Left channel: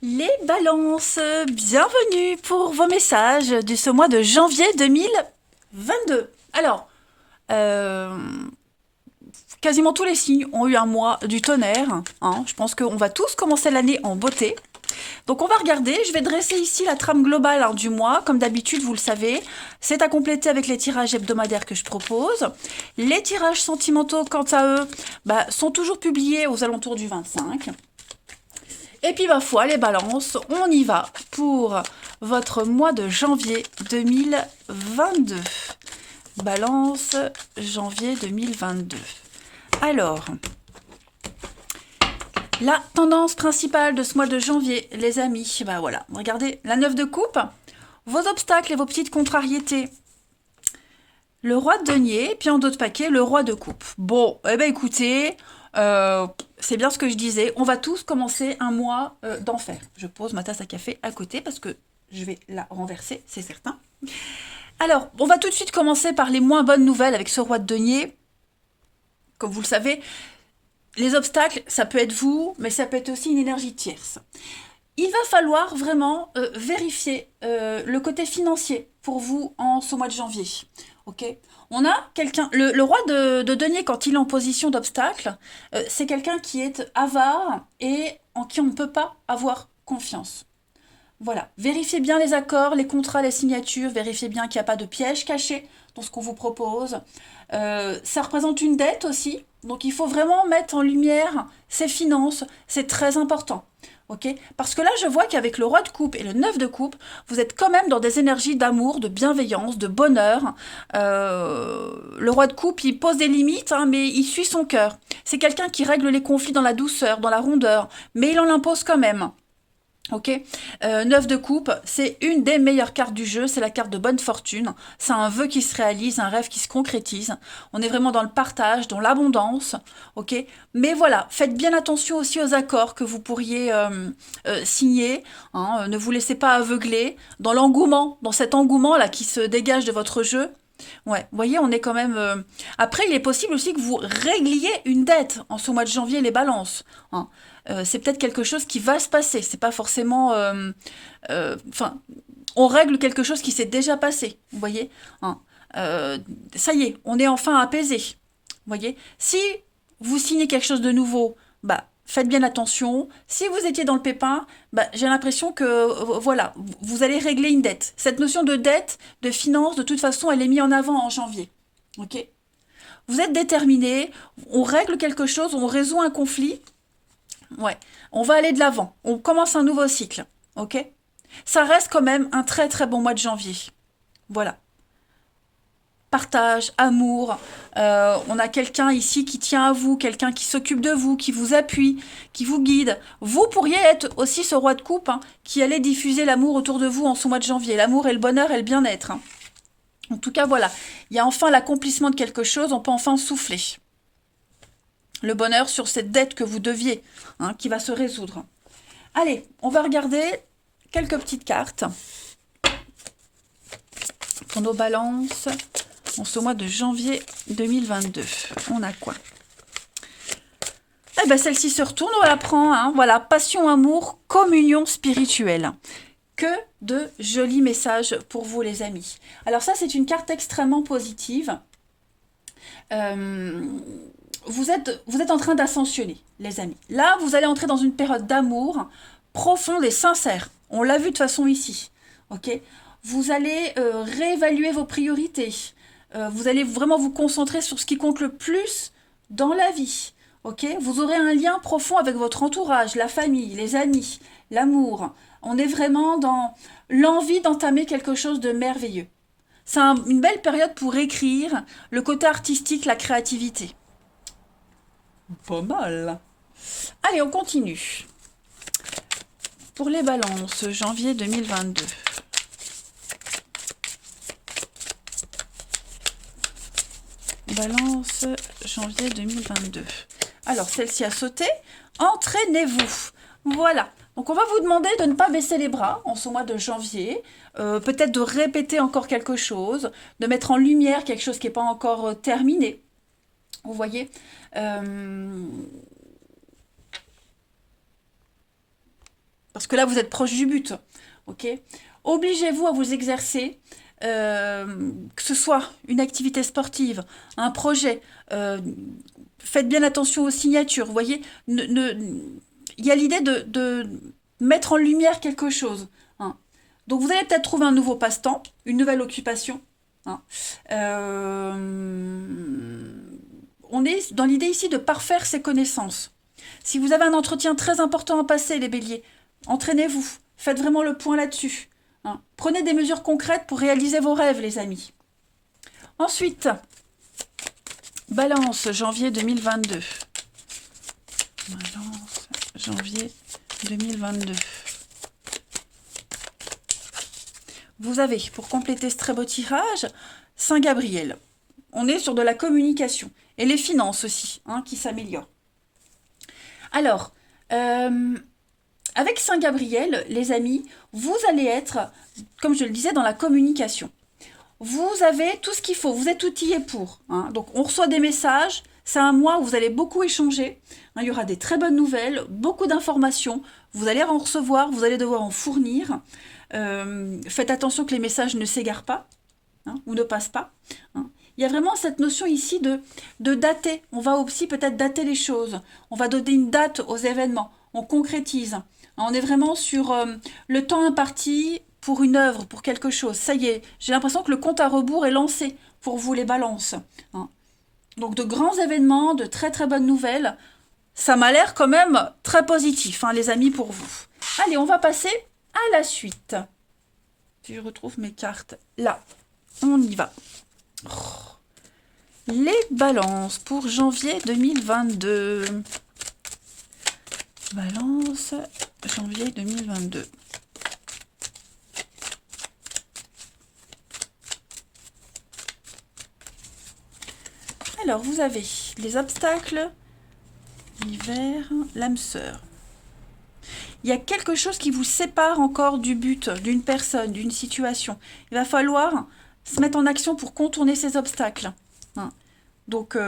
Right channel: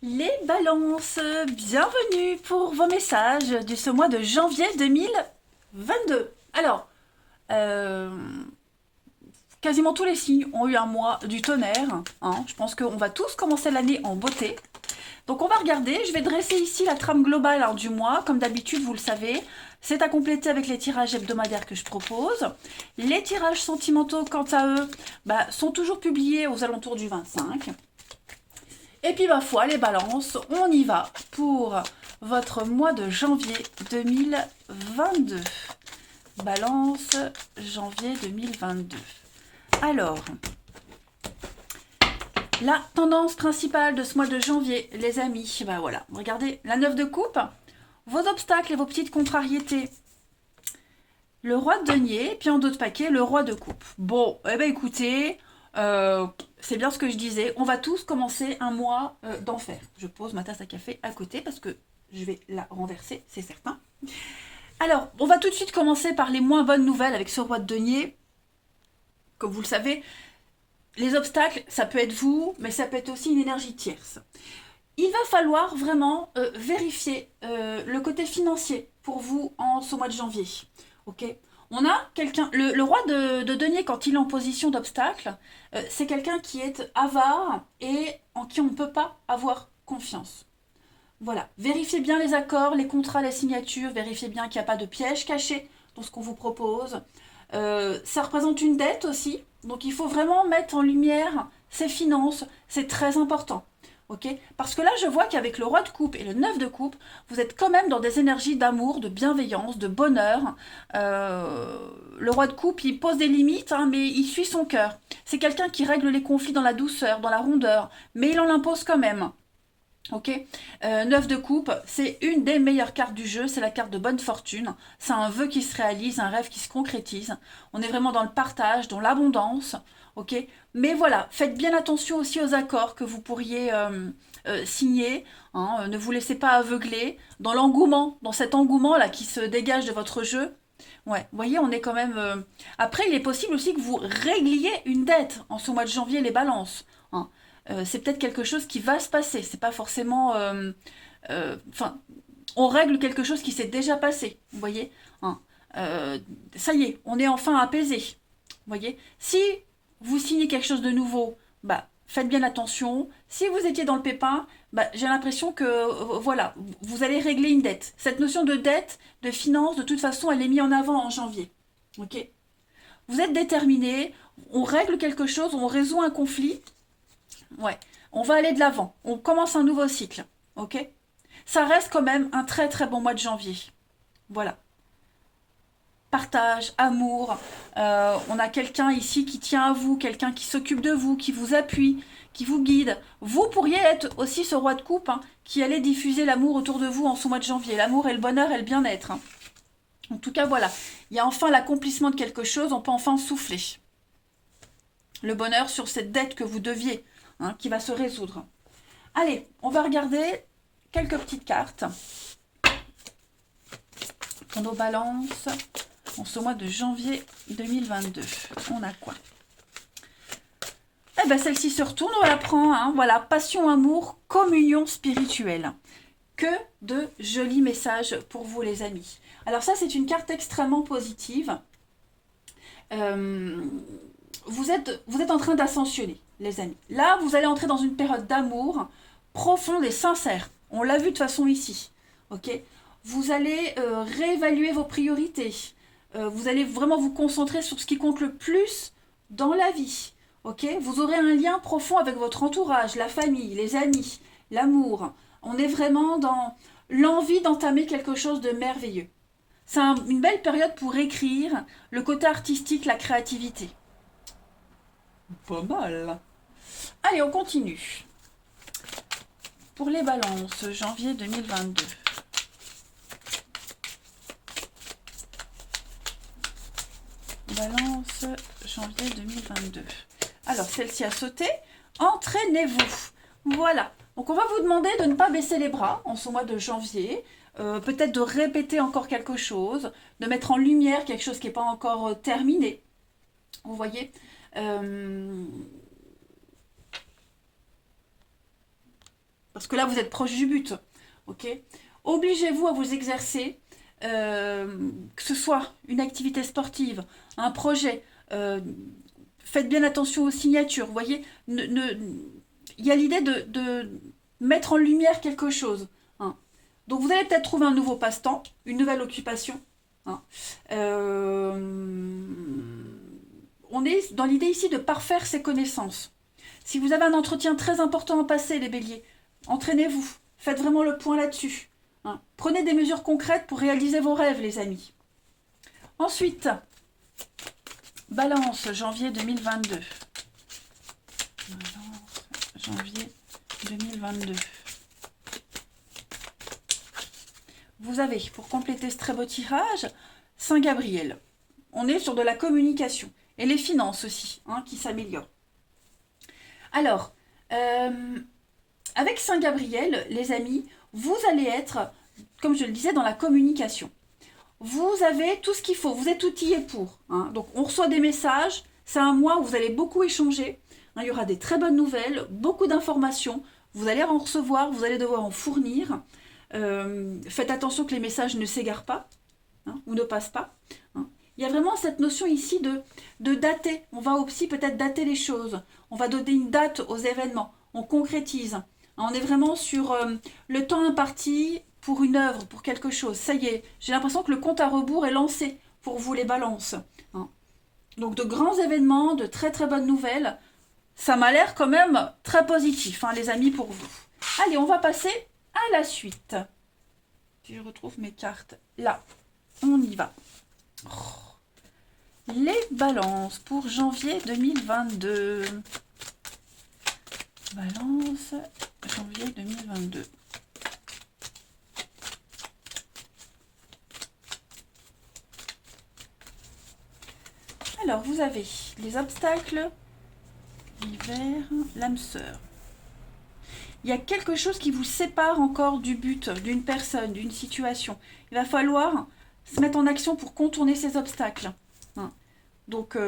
Les balances, bienvenue pour vos messages de ce mois de janvier 2022. Alors, euh, quasiment tous les signes ont eu un mois du tonnerre, hein. Je pense qu'on va tous commencer l'année en beauté. Donc on va regarder, je vais dresser ici la trame globale, hein, du mois. Comme d'habitude, vous le savez, c'est à compléter avec les tirages hebdomadaires que je propose. Les tirages sentimentaux, quant à eux, sont toujours publiés aux alentours du 25. Et puis ma foi, les balances, on y va pour votre mois de janvier 2022. Balance, janvier 2022. Alors, la tendance principale de ce mois de janvier, les amis, voilà, regardez, la 9 de coupe, vos obstacles et vos petites contrariétés. Le roi de denier, puis en d'autres paquets, le roi de coupe. Bon, eh ben écoutez, c'est bien ce que je disais, on va tous commencer un mois d'enfer. Je pose ma tasse à café à côté parce que je vais la renverser, c'est certain. Alors, on va tout de suite commencer par les moins bonnes nouvelles avec ce roi de denier. Comme vous le savez, les obstacles, ça peut être vous, mais ça peut être aussi une énergie tierce. Il va falloir vraiment vérifier le côté financier pour vous en ce mois de janvier. Ok. On a quelqu'un, le roi de denier, quand il est en position d'obstacle, c'est quelqu'un qui est avare et en qui on ne peut pas avoir confiance. Voilà. Vérifiez bien les accords, les contrats, les signatures, vérifiez bien qu'il n'y a pas de piège caché dans ce qu'on vous propose. Ça représente une dette aussi, donc il faut vraiment mettre en lumière ses finances, c'est très important. Ok. Parce que là, je vois qu'avec le roi de coupe et le neuf de coupe, vous êtes quand même dans des énergies d'amour, de bienveillance, de bonheur. Le roi de coupe, il pose des limites, hein, mais il suit son cœur. C'est quelqu'un qui règle les conflits dans la douceur, dans la rondeur, mais il en impose quand même. Ok. 9 de coupe, c'est une des meilleures cartes du jeu, c'est la carte de bonne fortune. C'est un vœu qui se réalise, un rêve qui se concrétise. On est vraiment dans le partage, dans l'abondance. Ok. Mais voilà, faites bien attention aussi aux accords que vous pourriez signer, hein. Ne vous laissez pas aveugler dans l'engouement, dans cet engouement là qui se dégage de votre jeu. Ouais, vous voyez, on est quand même. Après, il est possible aussi que vous régliez une dette en ce mois de janvier, les balances, hein. C'est peut-être quelque chose qui va se passer. C'est pas forcément. Enfin, on règle quelque chose qui s'est déjà passé. Vous voyez, hein. Ça y est, on est enfin apaisé. Vous voyez, si vous signez quelque chose de nouveau, faites bien attention. Si vous étiez dans le pépin, j'ai l'impression que voilà, vous allez régler une dette. Cette notion de dette, de finance, de toute façon, elle est mise en avant en janvier. Ok. Vous êtes déterminé, on règle quelque chose, on résout un conflit. Ouais, on va aller de l'avant. On commence un nouveau cycle. Ok. Ça reste quand même un très très bon mois de janvier. Voilà. Partage, amour. On a quelqu'un ici qui tient à vous, quelqu'un qui s'occupe de vous, qui vous appuie, qui vous guide. Vous pourriez être aussi ce roi de coupe, hein, qui allait diffuser l'amour autour de vous en ce mois de janvier. L'amour et le bonheur et le bien-être, hein. En tout cas, voilà. Il y a enfin l'accomplissement de quelque chose, on peut enfin souffler. Le bonheur sur cette dette que vous deviez, hein, qui va se résoudre. Allez, on va regarder quelques petites cartes pour nos balances en ce mois de janvier 2022. On a quoi? Eh ben, celle-ci se retourne, on la prend, hein. Voilà, passion, amour, communion spirituelle. Que de jolis messages pour vous, les amis. Alors ça, c'est une carte extrêmement positive. Euh, vous êtes en train d'ascensionner, les amis. Là, vous allez entrer dans une période d'amour profonde et sincère. On l'a vu de toute façon ici. Ok. Vous allez réévaluer vos priorités. Vous allez vraiment vous concentrer sur ce qui compte le plus dans la vie. Ok. Vous aurez un lien profond avec votre entourage, la famille, les amis, l'amour. On est vraiment dans l'envie d'entamer quelque chose de merveilleux. C'est une belle période pour écrire, le côté artistique, la créativité. Pas mal. Allez, on continue. Pour les balances, janvier 2022. Balance, janvier 2022. Alors, celle-ci a sauté. Entraînez-vous. Voilà. Donc, on va vous demander de ne pas baisser les bras en ce mois de janvier. Peut-être de répéter encore quelque chose, de mettre en lumière quelque chose qui n'est pas encore terminé. Vous voyez, Parce que là, vous êtes proche du but. Ok. Obligez-vous à vous exercer, que ce soit une activité sportive, un projet. Faites bien attention aux signatures. Vous voyez, il y a l'idée de mettre en lumière quelque chose. Hein. Donc vous allez peut-être trouver un nouveau passe-temps, une nouvelle occupation. Hein. On est dans l'idée ici de parfaire ses connaissances. Si vous avez un entretien très important à passer, les béliers, entraînez-vous. Faites vraiment le point là-dessus. Hein. Prenez des mesures concrètes pour réaliser vos rêves, les amis. Ensuite, Balance, janvier 2022. Balance, janvier 2022. Vous avez, pour compléter ce très beau tirage, Saint Gabriel. On est sur de la communication. Et les finances aussi, hein, qui s'améliorent. Alors, avec Saint Gabriel, les amis, vous allez être, comme je le disais, dans la communication. Vous avez tout ce qu'il faut, vous êtes outillés pour. Hein. Donc, on reçoit des messages. C'est un mois où vous allez beaucoup échanger. Hein, il y aura des très bonnes nouvelles, beaucoup d'informations. Vous allez en recevoir, vous allez devoir en fournir. Faites attention que les messages ne s'égarent pas, hein, ou ne passent pas. Hein. Il y a vraiment cette notion ici de dater. On va aussi peut-être dater les choses. On va donner une date aux événements. On concrétise. On est vraiment sur le temps imparti pour une œuvre, pour quelque chose. Ça y est, j'ai l'impression que le compte à rebours est lancé pour vous les balances. Hein. Donc de grands événements, de très très bonnes nouvelles. Ça m'a l'air quand même très positif, hein, les amis, pour vous. Allez, on va passer à la suite. Si je retrouve mes cartes, là, on y va. Oh. Les balances pour janvier 2022. Balance, janvier 2022. Alors, vous avez les obstacles, l'hiver, l'âme sœur. Il y a quelque chose qui vous sépare encore du but, d'une personne, d'une situation. Il va falloir se mettre en action pour contourner ces obstacles. Hein. Donc,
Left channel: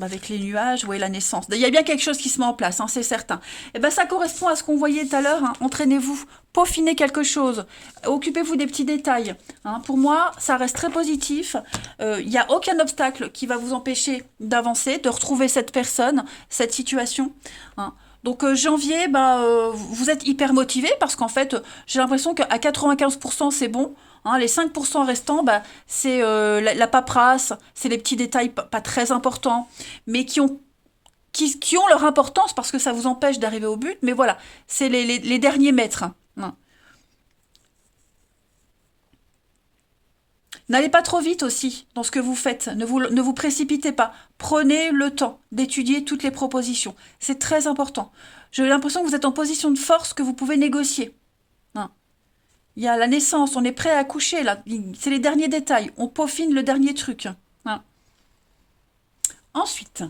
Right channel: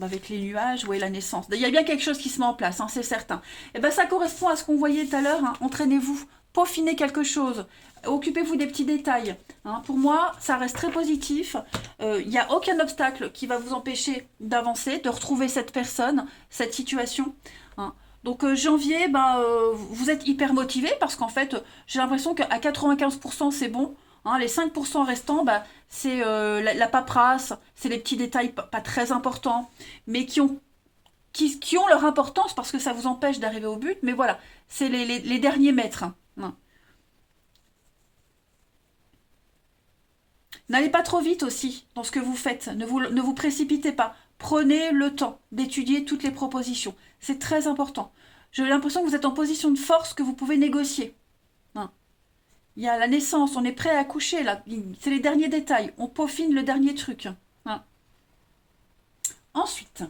avec les nuages, ouais, la naissance. Il y a bien quelque chose qui se met en place, hein, c'est certain. Et ben, ça correspond à ce qu'on voyait tout à l'heure. Hein. Entraînez-vous, peaufinez quelque chose, occupez-vous des petits détails. Hein. Pour moi, ça reste très positif. Il n'y a aucun obstacle qui va vous empêcher d'avancer, de retrouver cette personne, cette situation. Hein. Donc janvier, vous êtes hyper motivé parce qu'en fait, j'ai l'impression qu'à 95% c'est bon. Hein, les 5% restants, c'est la paperasse, c'est les petits détails pas très importants, mais qui ont leur importance parce que ça vous empêche d'arriver au but. Mais voilà, c'est les derniers mètres. Hein. N'allez pas trop vite aussi dans ce que vous faites. Ne vous précipitez pas. Prenez le temps d'étudier toutes les propositions. C'est très important. J'ai l'impression que vous êtes en position de force, que vous pouvez négocier. Hein. Il y a la naissance, on est prêt à accoucher, là. C'est les derniers détails. On peaufine le dernier truc. Hein. Ensuite,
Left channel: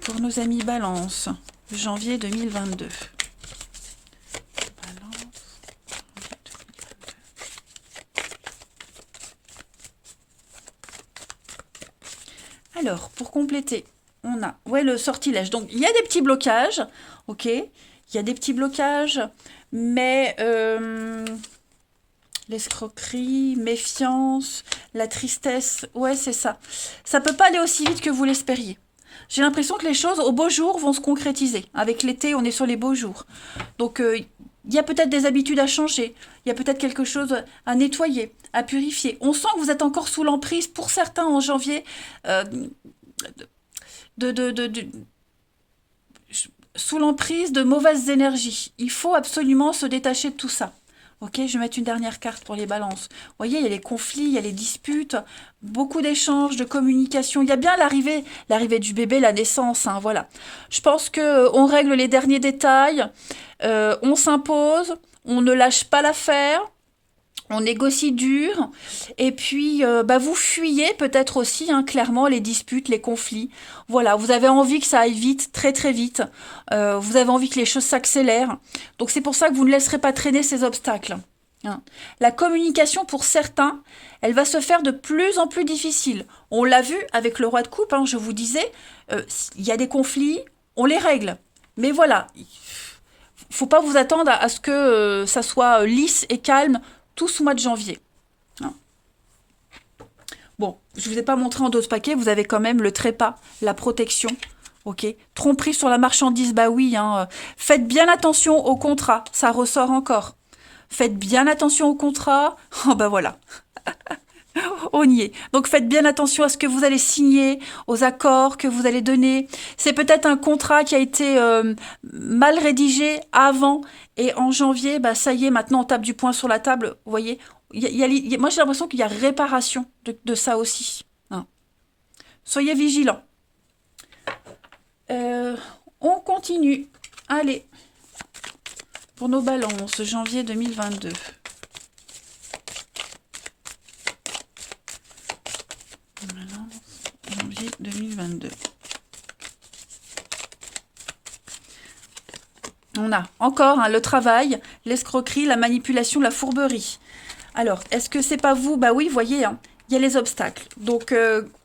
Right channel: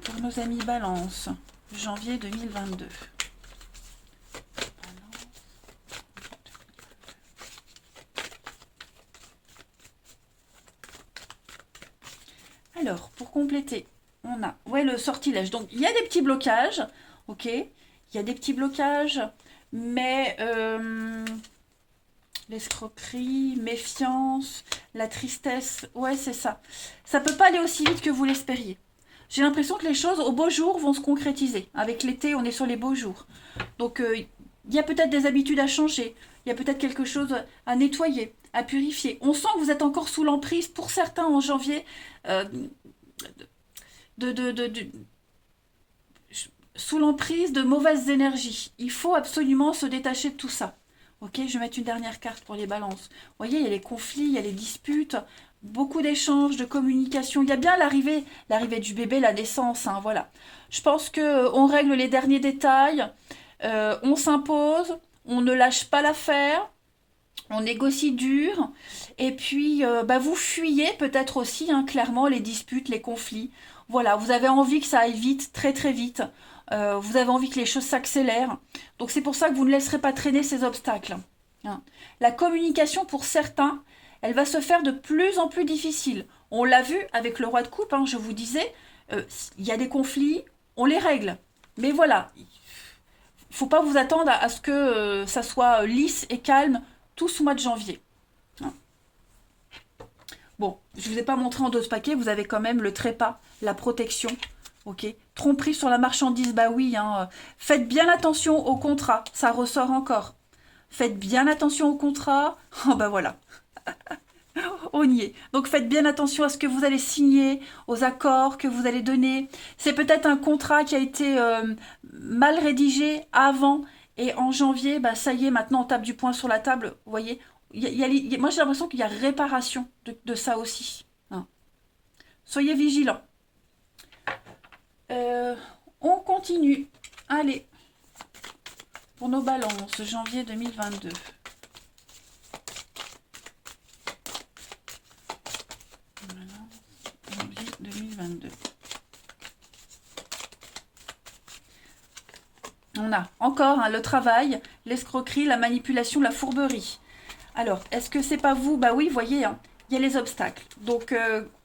pour nos amis Balance, janvier 2022. Alors, pour compléter, on a le sortilège. Donc, il y a des petits blocages, ok. Il y a des petits blocages, mais l'escroquerie, méfiance, la tristesse, ouais, c'est ça. Ça peut pas aller aussi vite que vous l'espériez. J'ai l'impression que les choses, au beau jour, vont se concrétiser. Avec l'été, on est sur les beaux jours. Donc, il y a peut-être des habitudes à changer. Il y a peut-être quelque chose à nettoyer, à purifier. On sent que vous êtes encore sous l'emprise, pour certains en janvier, sous l'emprise de mauvaises énergies. Il faut absolument se détacher de tout ça. Ok, je vais mettre une dernière carte pour les balances. Vous voyez, il y a les conflits, il y a les disputes, beaucoup d'échanges, de communication. Il y a bien l'arrivée du bébé, la naissance, hein, voilà. Je pense qu'on règle les derniers détails, on s'impose, on ne lâche pas l'affaire, on négocie dur, et puis vous fuyez peut-être aussi, hein, clairement, les disputes, les conflits. Voilà, vous avez envie que ça aille vite, très très vite. Vous avez envie que les choses s'accélèrent. Donc c'est pour ça que vous ne laisserez pas traîner ces obstacles. Hein. La communication, pour certains, elle va se faire de plus en plus difficile. On l'a vu avec le roi de coupe, hein, je vous disais, il y a des conflits, on les règle. Mais voilà, faut pas vous attendre à ce que ça soit lisse et calme tout ce mois de janvier. Hein. Bon, je ne vous ai pas montré en 12 paquets, vous avez quand même le trépas, la protection. Ok, tromperie sur la marchandise, bah oui. Hein. Faites bien attention au contrat, ça ressort encore. Faites bien attention au contrat. Oh bah voilà. On y est. Donc faites bien attention à ce que vous allez signer, aux accords que vous allez donner. C'est peut-être un contrat qui a été mal rédigé avant et en janvier, bah ça y est, maintenant on tape du poing sur la table. Vous voyez, moi j'ai l'impression qu'il y a réparation de ça aussi. Hein. Soyez vigilants. On continue. Allez, pour nos balances, janvier 2022. Janvier 2022. On a encore hein, le travail, l'escroquerie, la manipulation, la fourberie. Alors, est-ce que c'est pas vous? Bah oui, voyez, hein, il y a les obstacles. Donc,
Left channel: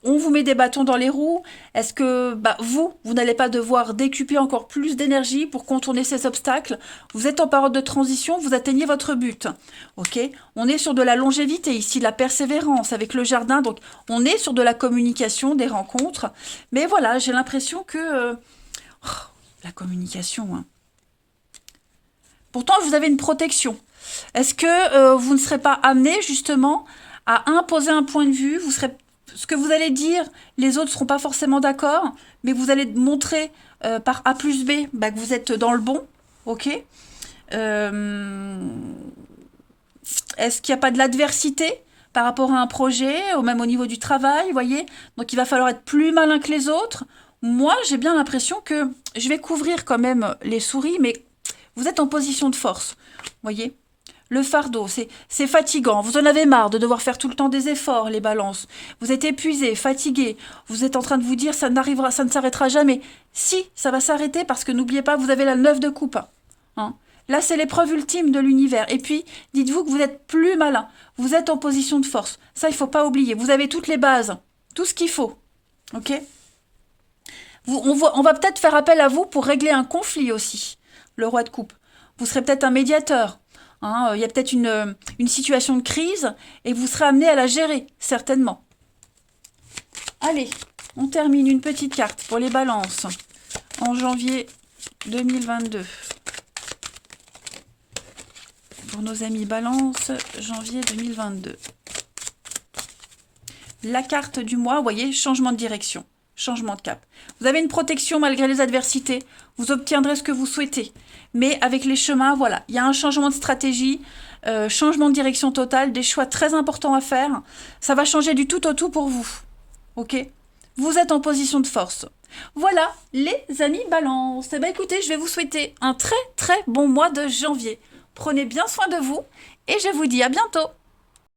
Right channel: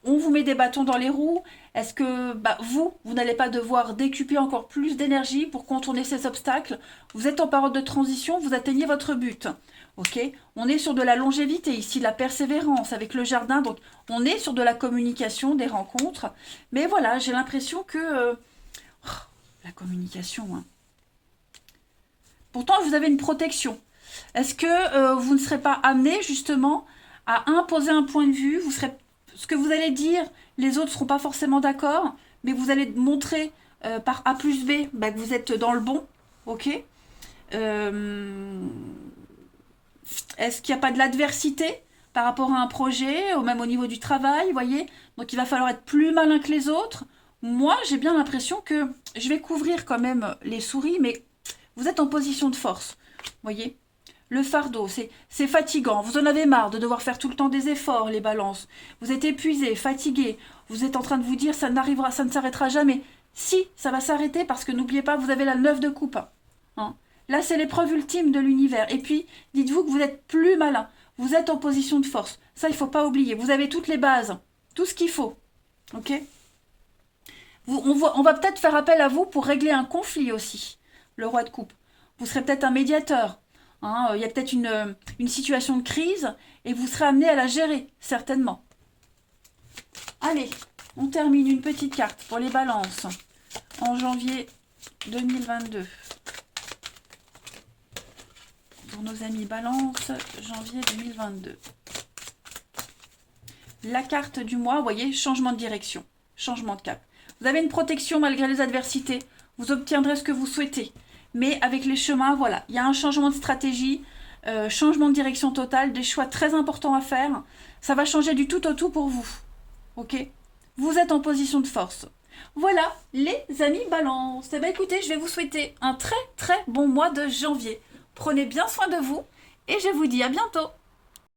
on vous met des bâtons dans les roues. Est-ce que bah, vous n'allez pas devoir décupler encore plus d'énergie pour contourner ces obstacles? Vous êtes en période de transition, vous atteignez votre but. Ok, on est sur de la longévité ici, la persévérance avec le jardin. Donc, on est sur de la communication, des rencontres. Mais voilà, j'ai l'impression que... la communication, hein. Pourtant, vous avez une protection. Est-ce que vous ne serez pas amené justement à imposer un point de vue? Ce que vous allez dire, les autres ne seront pas forcément d'accord, mais vous allez montrer par A plus B bah, que vous êtes dans le bon. Ok. Est-ce qu'il n'y a pas de l'adversité par rapport à un projet, ou même au niveau du travail, vous voyez? Donc il va falloir être plus malin que les autres. Moi, j'ai bien l'impression que je vais couvrir quand même les souris, mais vous êtes en position de force, voyez? Le fardeau, c'est fatigant. Vous en avez marre de devoir faire tout le temps des efforts, les balances. Vous êtes épuisé, fatigué. Vous êtes en train de vous dire, ça ne s'arrêtera jamais. Si, ça va s'arrêter parce que n'oubliez pas, vous avez la 9 de coupe. Hein. Là, c'est l'épreuve ultime de l'univers. Et puis, dites-vous que vous êtes plus malin. Vous êtes en position de force. Ça, il ne faut pas oublier. Vous avez toutes les bases, tout ce qu'il faut. Ok? On va peut-être faire appel à vous pour régler un conflit aussi. Le roi de coupe. Vous serez peut-être un médiateur. Hein, il y a peut-être une situation de crise et vous serez amené à la gérer, certainement. Allez, on termine une petite carte pour les balances en janvier 2022. Pour nos amis balance, janvier 2022. La carte du mois, vous voyez, changement de direction, changement de cap. Vous avez une protection malgré les adversités. Vous obtiendrez ce que vous souhaitez. Mais avec les chemins, voilà, il y a un changement de stratégie, changement de direction totale, des choix très importants à faire. Ça va changer du tout au tout pour vous. Ok? Vous êtes en position de force. Voilà, les amis balance. Eh bien, écoutez, je vais vous souhaiter un très très bon mois de janvier. Prenez bien soin de vous et je vous dis à bientôt.